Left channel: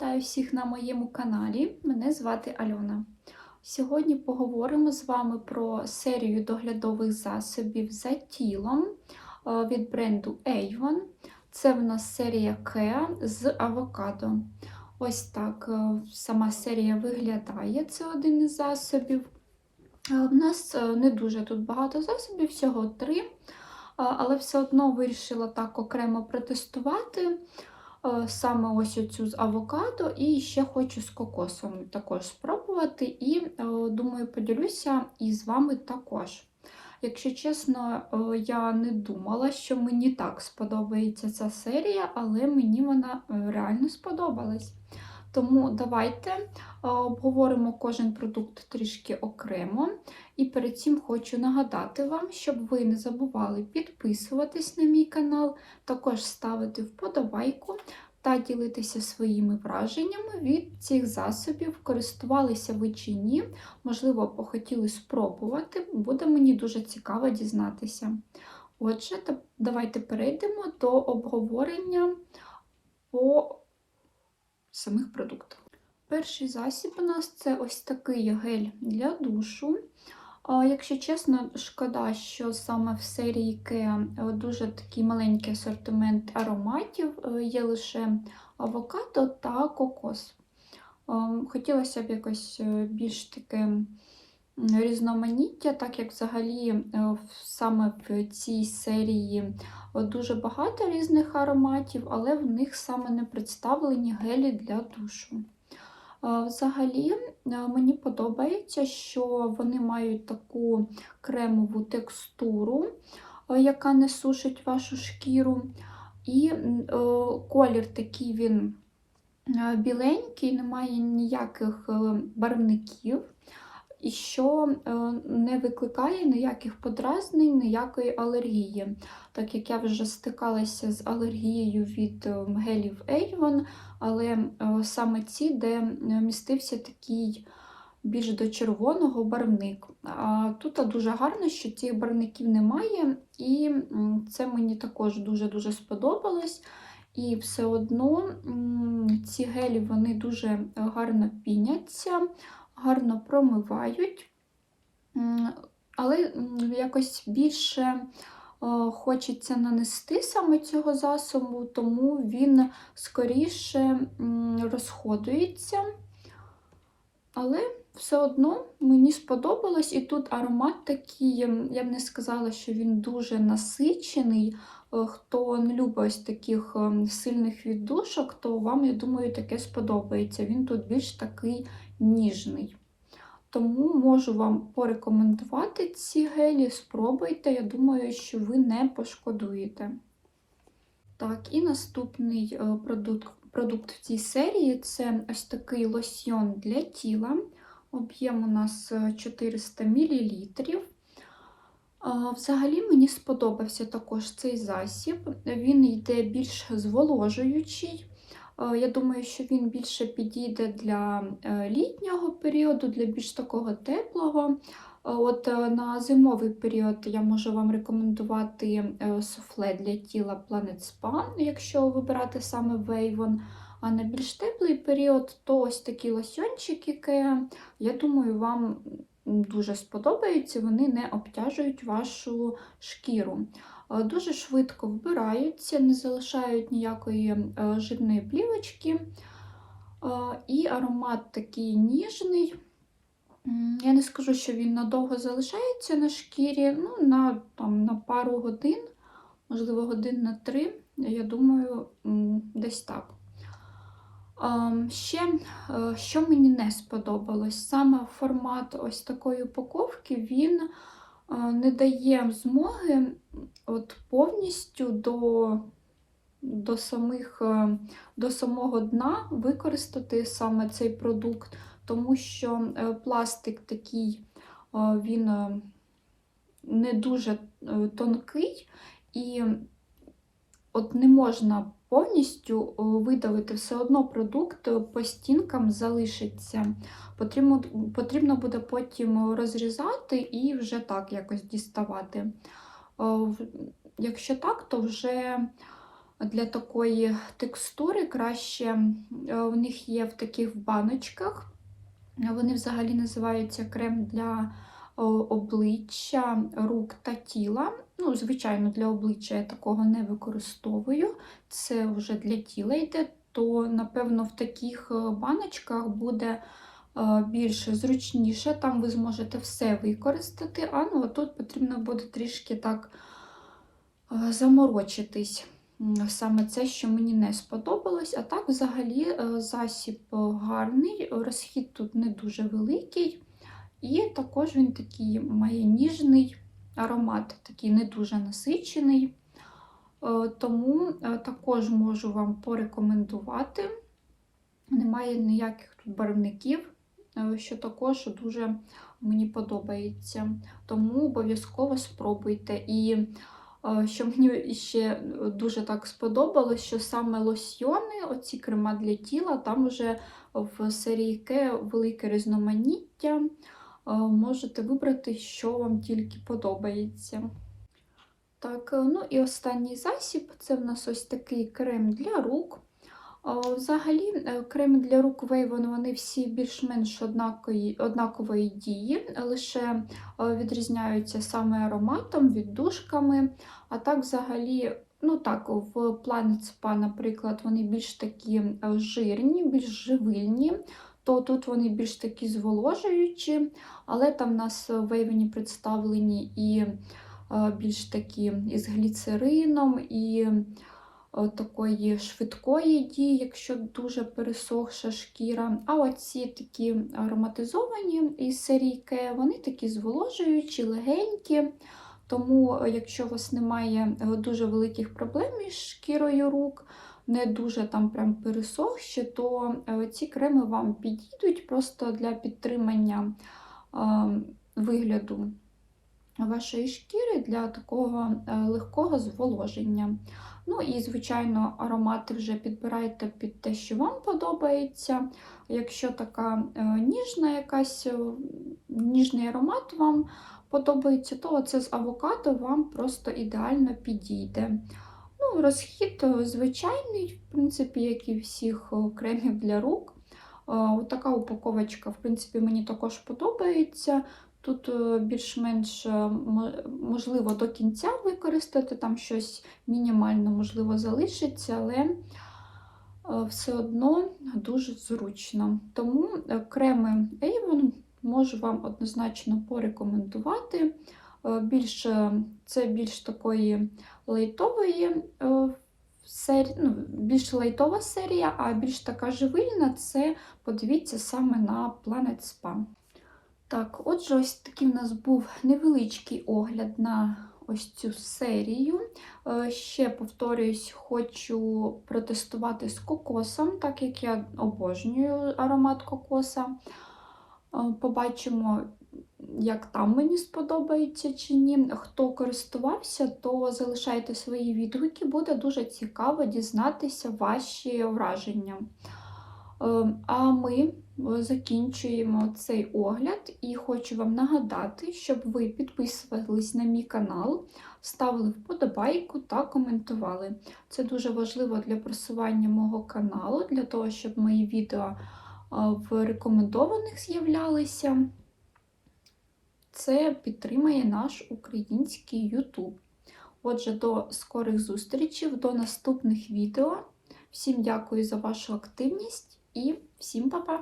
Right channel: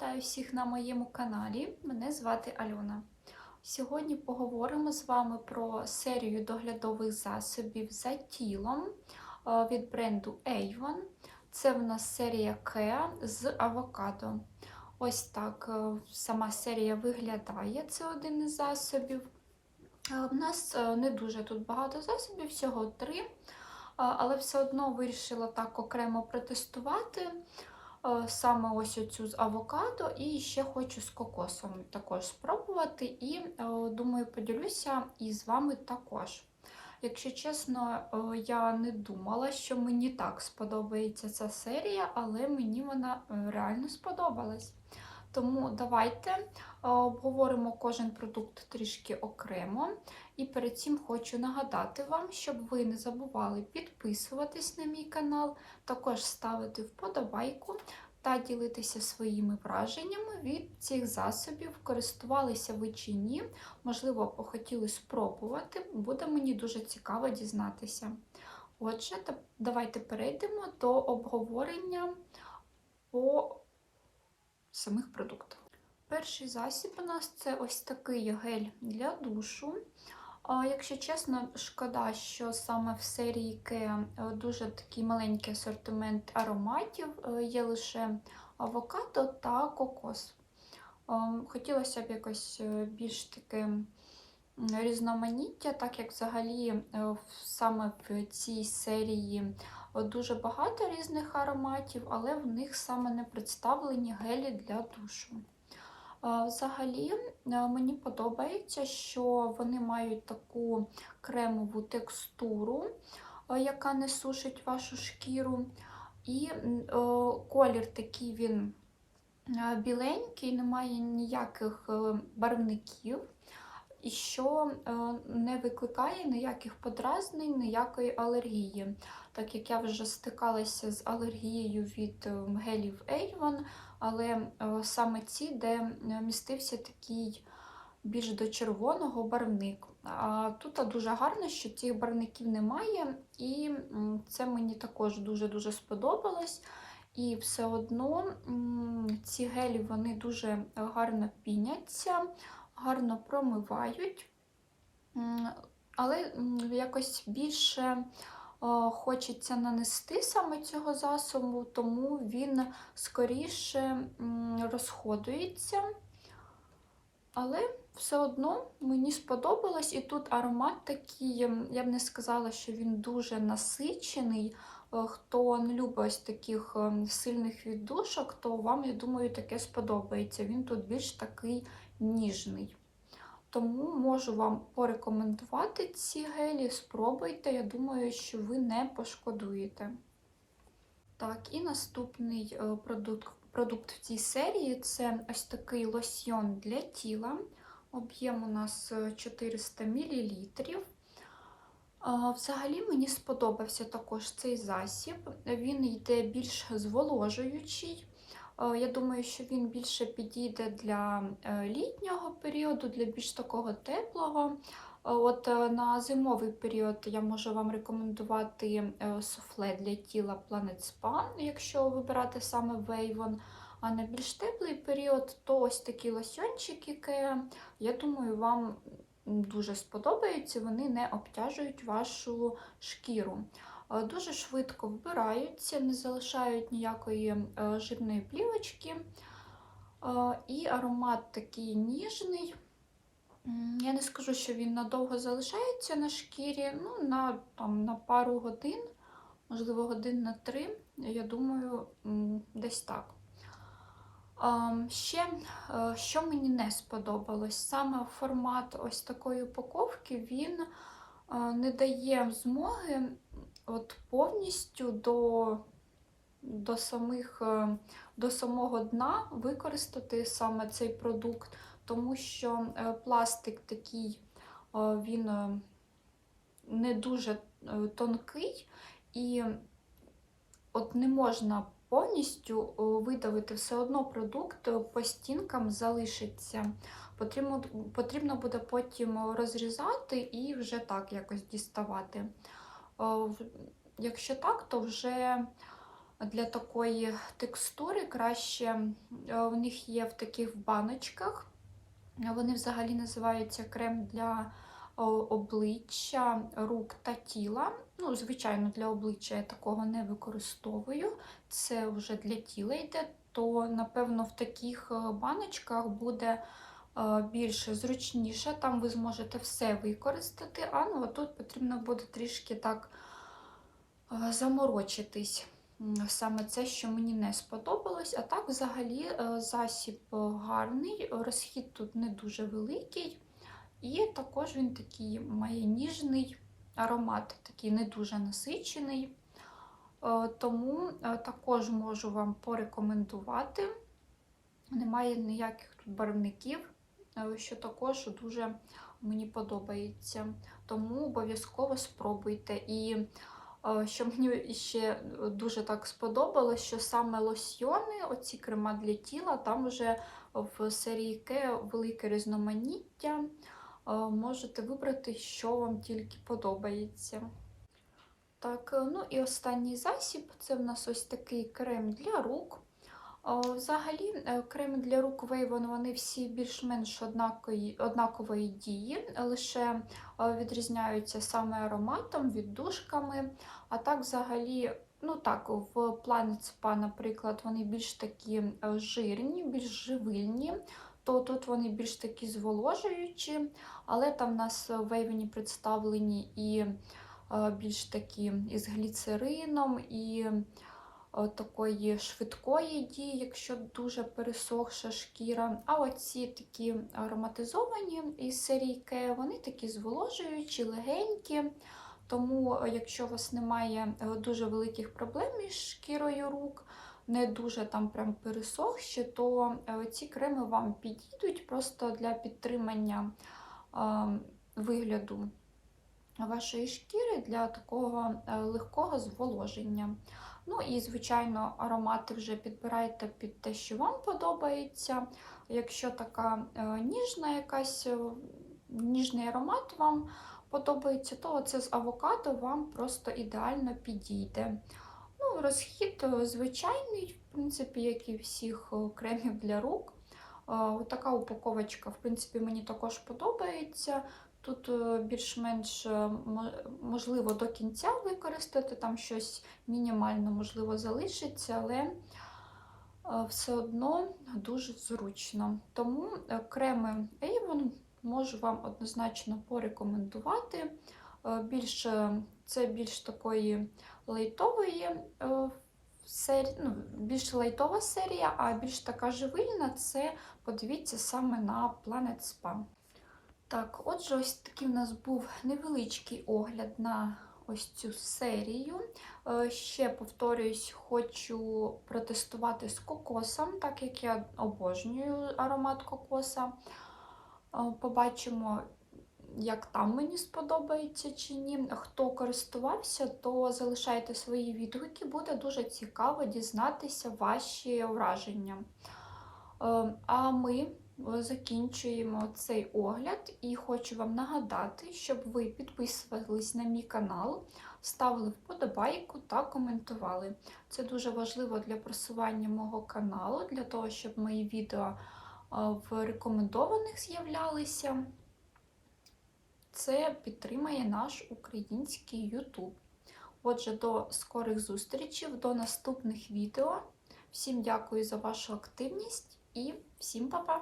Вітаю всіх на моєму каналі. Мене звати Альона. Сьогодні поговоримо з вами про серію доглядових засобів за тілом е, від бренду Avon. Це в нас серія Kea з авокадо. Ось так е, сама серія виглядає. Це один із засобів. Е, В нас е, не дуже тут багато засобів, всього три. Але все одно вирішила так окремо протестувати. Е, Саме ось оцю з авокадо, і ще хочу з кокосом також спробувати. І е, думаю, поділюся і з вами також. Якщо чесно, е, я не думала, що мені так сподобається ця серія, але мені вона реально сподобалась. Тому давайте обговоримо кожен продукт трішки окремо. І перед цим хочу нагадати вам, щоб ви не забували підписуватись на мій канал, також ставити вподобайку та ділитися своїми враженнями від цих засобів. Користувалися ви чи ні, можливо, хотіли спробувати, буде мені дуже цікаво дізнатися. Отже, давайте перейдемо до обговорення по самих продуктах. Перший засіб у нас це ось такий гель для душу. Якщо чесно, шкода, що саме в серії Kea е, дуже такий маленький асортимент ароматів, е, є лише авокадо та кокос. Ем, Хотілося б якось е, більш таке різноманіття, так як взагалі е, саме в цій серії е, дуже багато різних ароматів, але в них саме не представлені гелі для душу. Взагалі, е, мені подобається, що вони мають таку кремову текстуру, е, яка не сушить вашу шкіру. І е, колір такий він біленький, немає ніяких барвників, і що не викликає ніяких подразнень, ніякої алергії. Так як я вже стикалася з алергією від гелів Avon, але е, саме ці, де містився такий більш до червоного барвник. А тут дуже гарно, що цих барвників немає, і це мені також дуже-дуже сподобалось. І все одно ці гелі вони дуже гарно піняться, гарно промивають, але якось більше хочеться нанести саме цього засобу, тому він скоріше розходується. Але все одно мені сподобалось, і тут аромат такий, я б не сказала, що він дуже насичений. Е, Хто не любить ось таких ем, сильних віддушок, то вам, я думаю, таке сподобається. Він тут більш такий ніжний. Тому можу вам порекомендувати ці гелі, спробуйте. Я думаю, що ви не пошкодуєте. Так, і наступний е, продукт, продукт в цій серії це ось такий лосьйон для тіла. Об'єм у нас е, 400 мл. Взагалі мені сподобався також цей засіб. Він йде більш зволожуючий. А, Я думаю, що він більше підійде для е, літнього періоду, для більш такого теплого. От е, на зимовий період я можу вам рекомендувати е, суфле для тіла Planet Spa, якщо вибирати саме Avon. А на більш теплий період, то ось такі лосьончики, які, я думаю, вам дуже сподобаються, вони не обтяжують вашу шкіру. Е, Дуже швидко вбираються, не залишають ніякої е, жирної плівочки. Е, І аромат такий ніжний. Я не скажу, що він надовго залишається на шкірі, ну, на, там, на пару годин, можливо, годин на три, я думаю, десь так. Ще, е, що мені не сподобалось, саме формат ось такої упаковки, він не дає змоги от повністю до, до, самих, е, до самого дна використати саме цей продукт, тому що е, пластик такий, е, він не дуже тонкий і от не можна повністю видалити, все одно продукт по стінкам залишиться. Потрібно, потрібно буде потім розрізати і вже так якось діставати. Е, Якщо так, то вже Для такої текстури краще е, в них є в таких баночках. Вони взагалі називаються крем для обличчя, рук та тіла. Ну, Звичайно, для обличчя я такого не використовую. Це вже для тіла йде, то, напевно, в таких е, баночках буде е, більш зручніше. Там ви зможете все використати, а ну, тут потрібно буде трішки так заморочитись. Саме це, що мені не сподобалось. А так, взагалі, е, засіб гарний, розхід тут не дуже великий. І також він такий має ніжний аромат, такий не дуже насичений. Е, Тому е, також можу вам порекомендувати. Немає ніяких тут барвників, що також дуже мені подобається. Тому обов'язково спробуйте. І е, що мені ще дуже так сподобалось, що саме лосьйони, оці крема для тіла, там вже в серії Ке велике різноманіття. Е, Можете вибрати, що вам тільки подобається. Так, е, ну і останній засіб це в нас ось такий крем для рук. Взагалі, е, креми для рук Вейвон, вони всі більш-менш однакової, дії, лише е, відрізняються саме ароматом, віддушками. А так, взагалі, ну так, в Planet Spa, наприклад, вони більш такі е, жирні, більш живильні, то тут вони більш такі зволожуючі, але там в нас в Вейвені представлені і більш такі із гліцерином, і такої швидкої дії, якщо дуже пересохша шкіра. А оці такі ароматизовані із серії Ке, вони такі зволожуючі, легенькі. Тому, е, якщо у вас немає е, дуже великих проблем із шкірою рук, не дуже там прям пересохші, то е, ці креми вам підійдуть просто для підтримання е, вигляду вашої шкіри для такого е, легкого зволоження. Ну і, звичайно, аромати вже підбирайте під те, що вам подобається. Якщо така е, ніжна якась е, ніжний аромат вам подобається, то оце з авокадо вам просто ідеально підійде. Ну, Розхід е, звичайний, в принципі, як і всіх кремів для рук. Е, Така упаковочка, в принципі, мені також подобається. Тут е, більш-менш е, можливо до кінця використати, там щось мінімально можливо залишиться, але е, все одно дуже зручно. Тому креми Avon можу вам однозначно порекомендувати. Більш, це більш такої лайтової сері... ну, більш лайтова серія, а більш така живильна це подивіться саме на Planet Spa. Так, отже, ось такий в нас був невеличкий огляд на ось цю серію. Е, Ще повторюсь, хочу протестувати з кокосом, так як я обожнюю аромат кокоса. Е, Побачимо, як там мені сподобається чи ні. Хто користувався, то залишайте свої відгуки, буде дуже цікаво дізнатися ваші враження. Е, А ми е, закінчуємо цей огляд і хочу вам нагадати, щоб ви підписувались на мій канал, ставили вподобайку та коментували. Це дуже важливо для просування мого каналу, для того, щоб мої відео е, в рекомендованих з'являлися. Це підтримає наш український YouTube. Отже, до скорих зустрічей, до наступних відео. Всім дякую за вашу активність і всім па-па!